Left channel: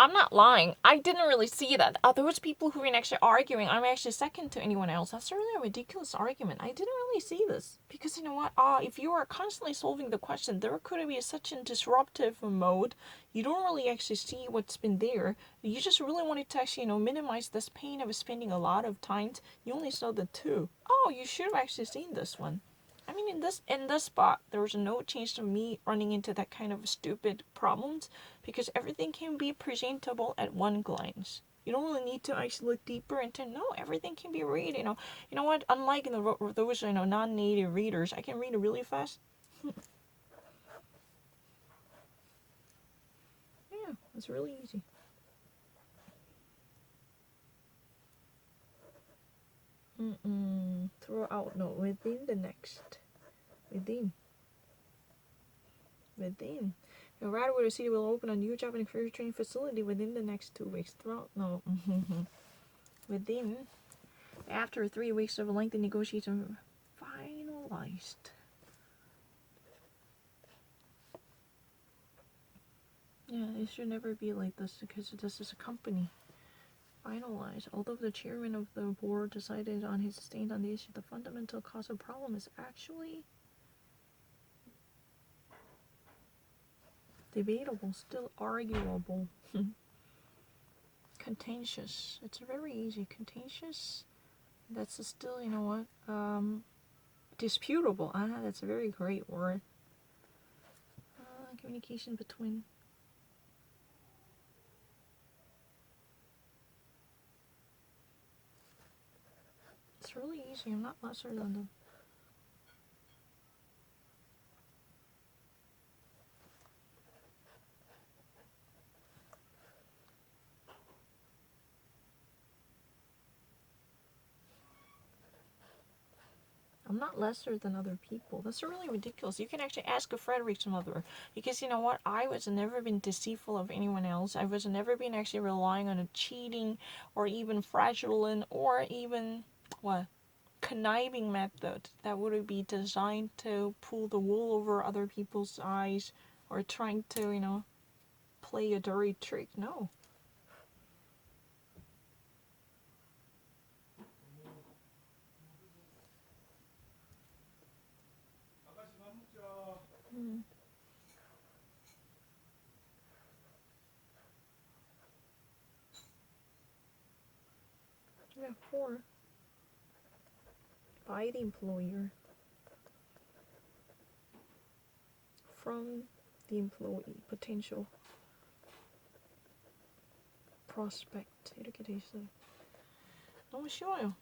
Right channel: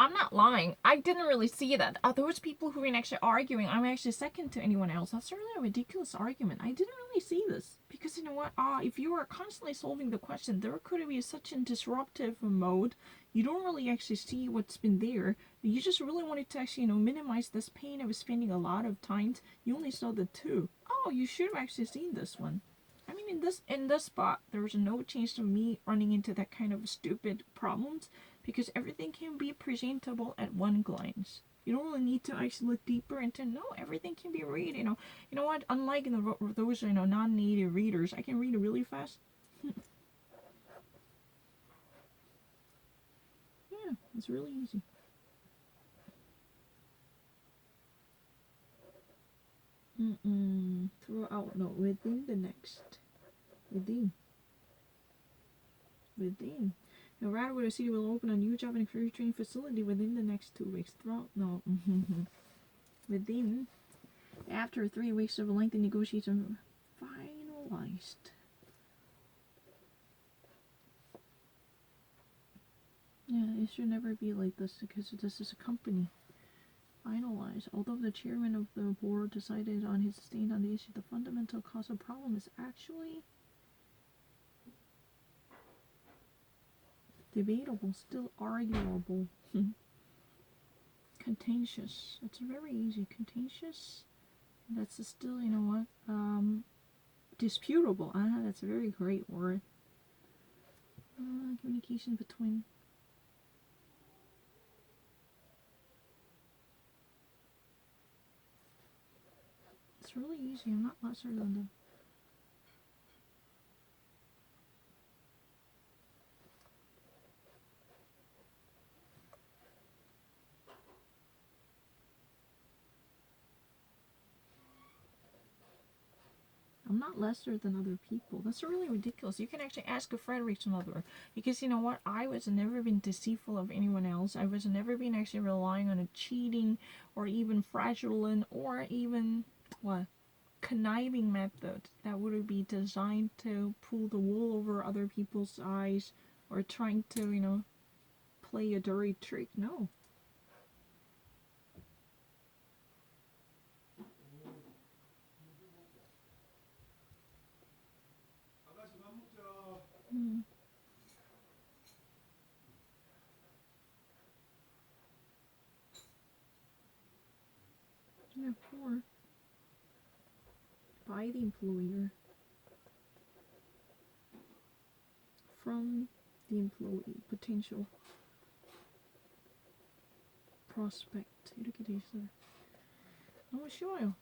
I'm not lying. I didn't really see that. Those people who are actually arguing, I'm actually second to anyone else. That's really a ridiculous argument. I didn't really see this. Because you know what? If you are constantly solving the question, there could be such a disruptive mode. You don't really actually see what's been there. You just really wanted to actually, minimize this pain of spending a lot of time. You only saw the two. Oh, you should have actually seen this one. I mean, in this spot, there was no chance of me running into that kind of stupid problems because everything can be presentable at one glance. You don't really need to actually look deeper into. No, everything can be read. You know what? Unlike those non-native readers, I can read it really fast. Yeah, it's really easy. Throughout, no, within the next, within. Radwood City will open a new job and career training facility within the next 2 weeks. Within. After 3 weeks of lengthy negotiation, finalized. Yeah, it should never be like this because this is a company. Finalized. Although the chairman of the board decided on his stand on the issue, the fundamental cause of the problem is actually debatable, still arguable. Contentious. It's very easy. Contentious. That's still, disputable. That's a very great word. Communication between. It's really easy. I'm not lesser than them. I'm not lesser than other people. That's really ridiculous. You can actually ask a Frederickson other. Because you know what? I was never been deceitful of anyone else. I was never been actually relying on a cheating or even fraudulent or even conniving method that would be designed to pull the wool over other people's eyes or trying to, play a dirty trick. No. Yeah, 4. By the employer. From the employee. Potential prospect. 이렇게 돼 있어요. 너무 쉬워요.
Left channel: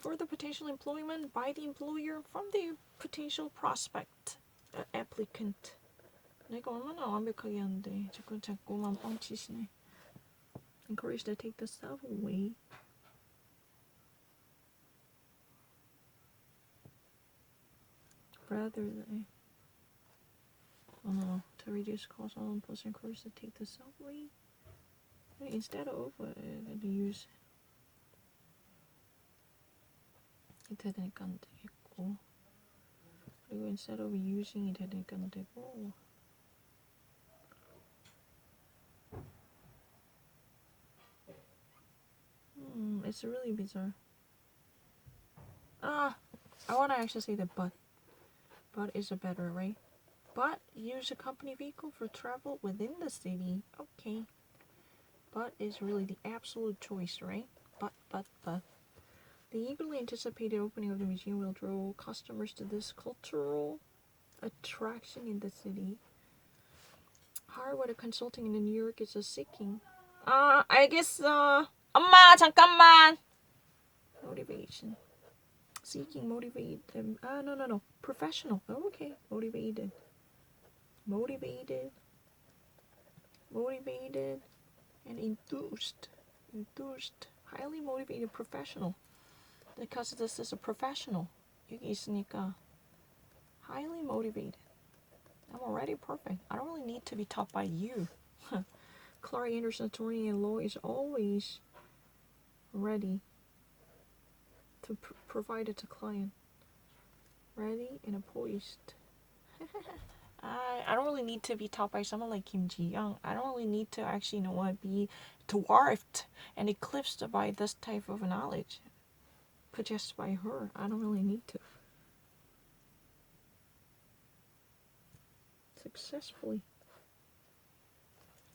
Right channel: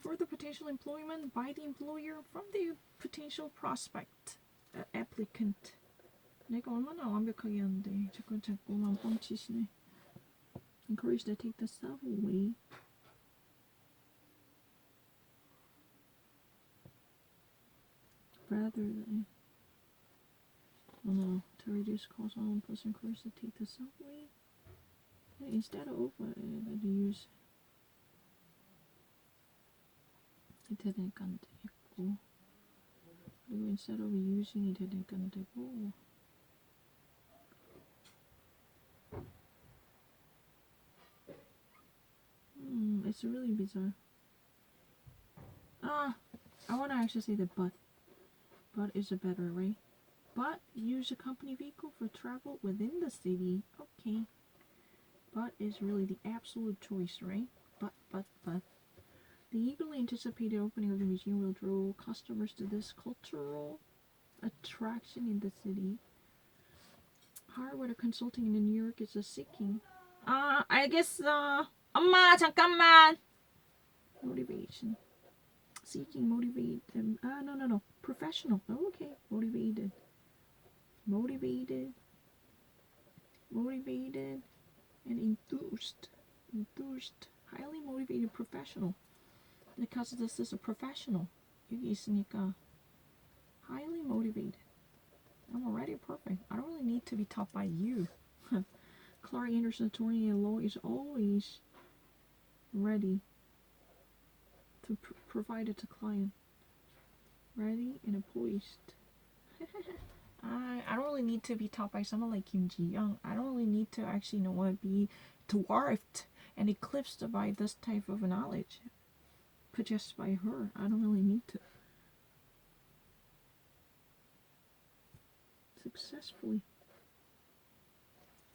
For the potential employment by the employer from the potential prospect. Applicant. 내가 얼마나 완벽하게 하는데 자꾸만 뻥치시네. Encourage to take the self away. Rather than to reduce costs on plus encourage to take the self away. Instead of use 이렇게 되니까 안 되겠고 그리고 instead of using 이렇게 되니까 안 되고 it's really bizarre. I want to actually say that but is a better, right? But use a company vehicle for travel within the city. Okay. But is really the absolute choice, right? But. The eagerly anticipated opening of the museum will draw customers to this cultural attraction in the city. Harvard Consulting in New York is a seeking. 알겠어. 엄마 잠깐만. Motivation. Seeking, motivated. No. Professional. Oh, okay. Motivated. And enthused. Highly motivated professional. Because this is a professional. 여기 있으니까 highly motivated. I'm already perfect. I don't really need to be taught by you. Clark Anderson, attorney in law, is always ready to provide it to client. Ready and poised. I don't really need to be taught by someone like Kim Ji-young. I don't really need to actually be dwarfed and eclipsed by this type of knowledge possessed by her. I don't really need to. Successfully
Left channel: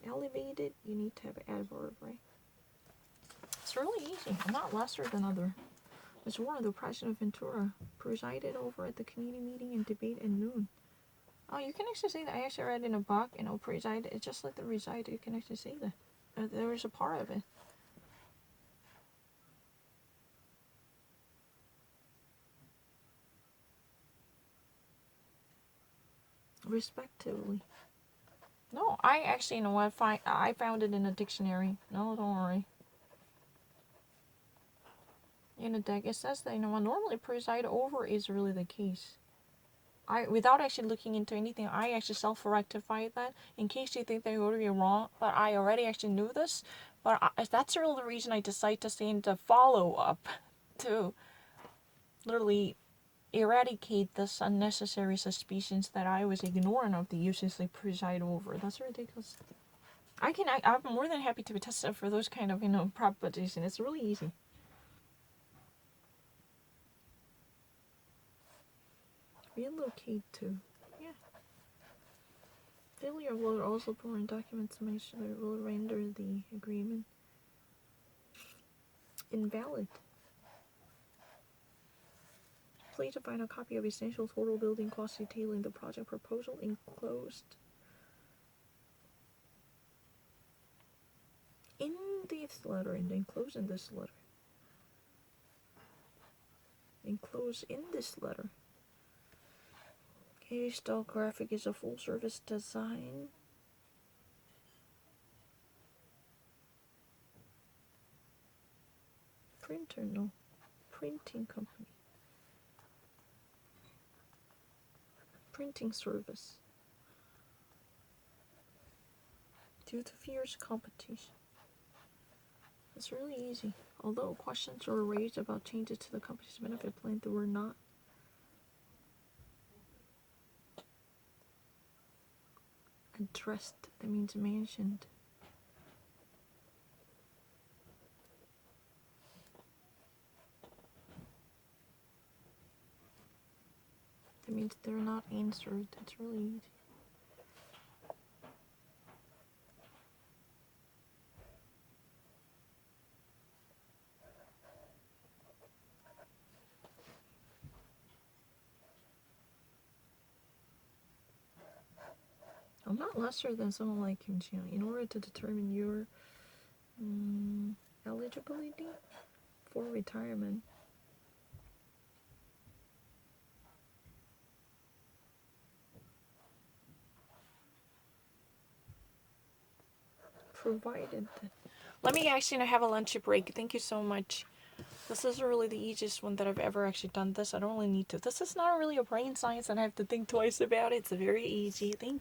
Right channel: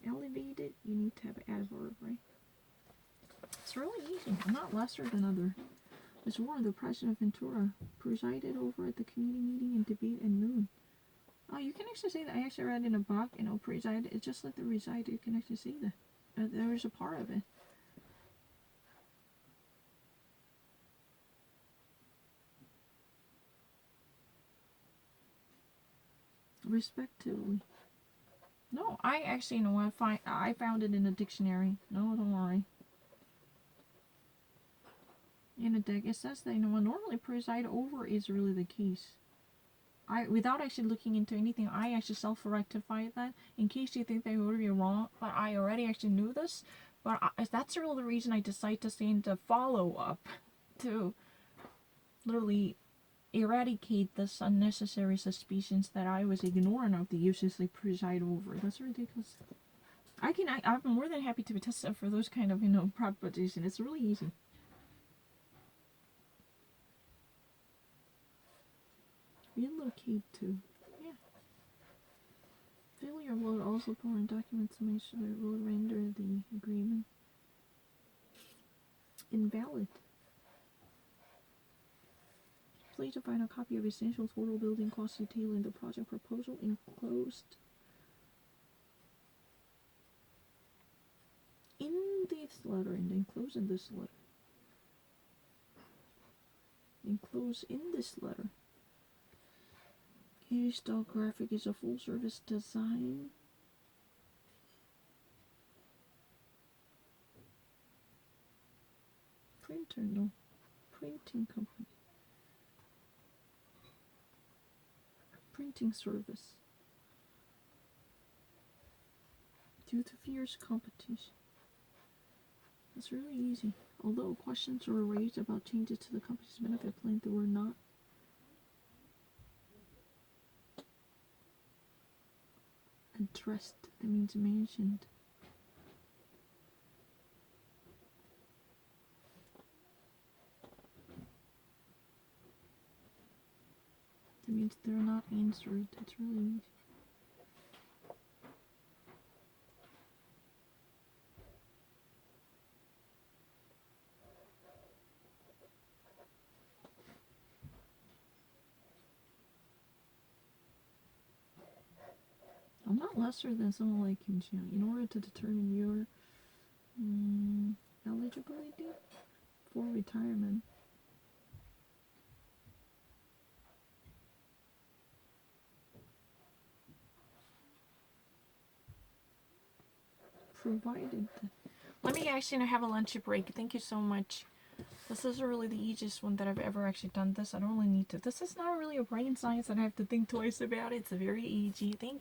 elevated, you need to have an adverb, right? It's really easy. I'm not lesser than other. Ms. Warren, the president of Ventura, presided over at the committee meeting and debate at noon. Oh, you can actually say that. I actually read in a book, preside. It's just like the reside. You can actually say that. There was a part of it. Respectively. No, I actually I found it in a dictionary. No, don't worry. In a deck, it says that normally preside over is really the case. Without actually looking into anything, I actually self-rectified that in case you think they would be wrong. But I already actually knew this. But that's really the reason I decided to say in the follow-up to literally eradicate this unnecessary suspicions that I was ignoring of the uses they preside over. That's ridiculous. I'm more than happy to be tested for those kind of propositions. It's really easy. Relocate to. Yeah. Failure will also foreign documents mentioned will render the agreement invalid. Please find a copy of essential total building cost detailing the project proposal enclosed in this letter and enclosed in this letter. Enclosed in this letter. K-Style Graphic is a full-service design. Printer, no. Printing company. Printing service. Due to fierce competition. It's really easy. Although questions were raised about changes to the company's benefit plan, they were not addressed. That means mentioned. That means they're not answered. It's really easy. I'm not lesser than someone like Kim Ji-young. In order to determine your eligibility for retirement, provided that. Let me actually have a lunch break. Thank you so much. This is really the easiest one that I've ever actually done this. I don't really need to. This is not really a brain science and I have to think twice about it. It's very easy. Thank you.